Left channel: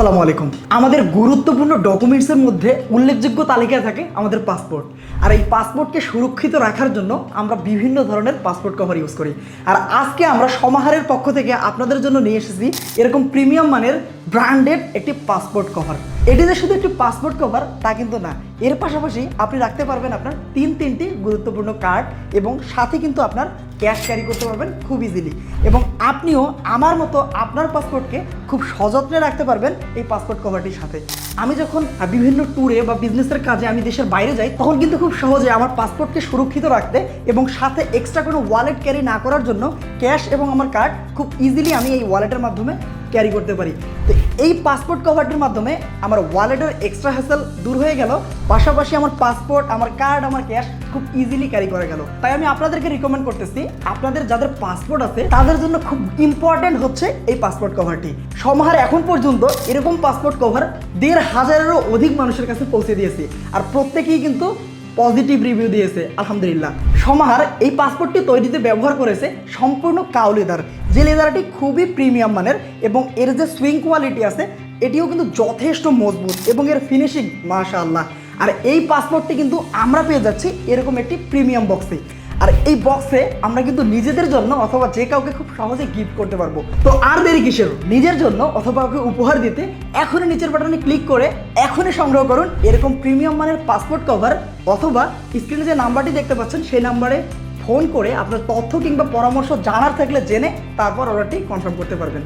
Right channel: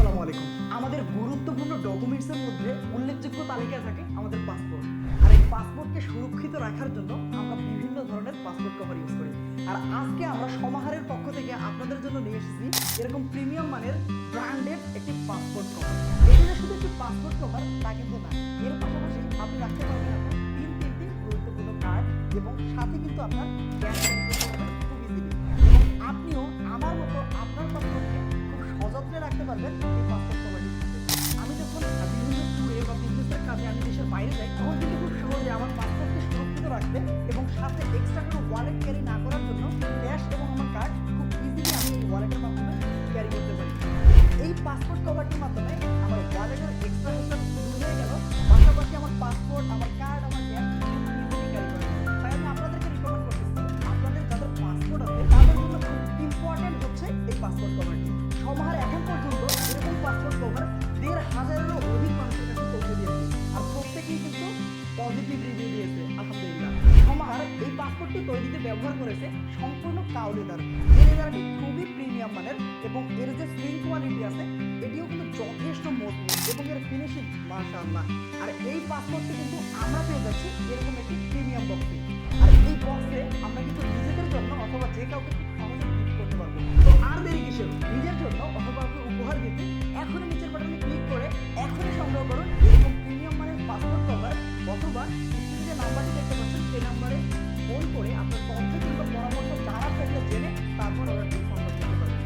আসসালামু আলাইকুম। আমাদের গুরুত্বপূর্ণ ডকুমেন্টসের মধ্যে উল্লেখযোগ্য তালিকায় থাকে আমাদের পাসপোর্ট। আর এই পাসপোর্টকে সুরক্ষিত রাখার জন্য আমরা বিভিন্ন ধরনের পাসপোর্ট কভার ইউজ করি। আর আজকে আমরা সমাহারের পক্ষ থেকে আপনাদের জন্য নিয়ে এসেছি এরকম প্রিমিয়াম মানের ব্র্যান্ডেড একটি পাসপোর্ট কভার। এটি যে শুধু একটি পাসপোর্ট কভার তা কিন্তু না, এর পাশাপাশি আপনি রাখতে পারবেন আপনার তিনটি গুরুত্বপূর্ণ কার্ড এবং সাথে কিন্তু আপনার ক্যাশ ক্যারি করতে পারবেন খুব ইজিলি। এবং আপনিও আমার মতো আপনার পাসপোর্টকে খুব সযত্নে রাখতে পারবেন এই পাসপোর্ট কভারটির সাথে। আমি যখন বিভিন্ন ট্যুরে বা বিজনেসের কাজে আমি দেশের বাইরে যাই, তখন কিন্তু খুব সহজে আমার পাসপোর্টকে সুরক্ষিত রাখতে এবং সাথে এক্সট্রা কোনো ওয়ালেট ক্যারি না করার জন্য ক্যাশ এবং আমার কার্ড খুব ইজিলি আমি এই ওয়ালেটের মাধ্যমে ক্যারি করতে পারি। তো এই পাসপোর্ট কভারটির মাধ্যমে আমার ওয়ালেটের এক্সট্রা হ্যাসেল দূর হয়ে গেল, পাশাপাশি আমার পাসপোর্ট, আমার কার্ড, আমার ক্যাশ খুব ইজিলি ক্যারি করা গেল। তাই আমি আপনাদেরকে রিকমেন্ড করতেছি, আপনাদের যাদের পাসপোর্ট আছে তাদের জন্য খুব ইম্পর্টেন্ট হচ্ছে এই পাসপোর্ট কভারটি। সমাহার এখন পর্যন্ত এরকম পাসপোর্ট কভার ১৫০০-এরও অধিক মানুষের কাছে পৌঁছে দিয়েছি, আর প্রত্যেকেই কিন্তু পজিটিভ রিভিউ দিয়েছে আলহামদুলিল্লাহ। সমাহার এই পাসপোর্টটি তৈরিতে ব্যবহার করেছে সম্পূর্ণ কাউ লেদার, যে লেদারটি খুবই প্রিমিয়াম মানের এবং এর যে সুইং কোয়ালিটি আছে এটিও কিন্তু যথেষ্ট মজবুত এবং এর ফিনিশিং মাশাআল্লাহ। আর এই পাসপোর্টটি কিন্তু আমরা পেয়ে যাচ্ছি এরকম একটি প্রিমিয়াম বক্সে। আর এই বক্সে আমরা কিন্তু নিজেদের জন্য অথবা যে কাউকে খুব সহজে গিফট করতে পারবো। তো আর দেরি কিসের, নিজের জন্য অথবা কাউকে উপহার দিতে এখনই নিচের বাটনে ক্লিক করে এখনই সংগ্রহ করুন এরকম প্রিমিয়াম মানের পাসপোর্ট কভার, অথবা স্ক্রিনে যে নাম্বারটি দেখতে পাচ্ছেন সেই নাম্বারে ফোন করে আপনার তথ্য কিংবা পরামর্শ জানার থাকলে জেনে তারপর অর্ডারটি কনফার্ম করতে পারবেন।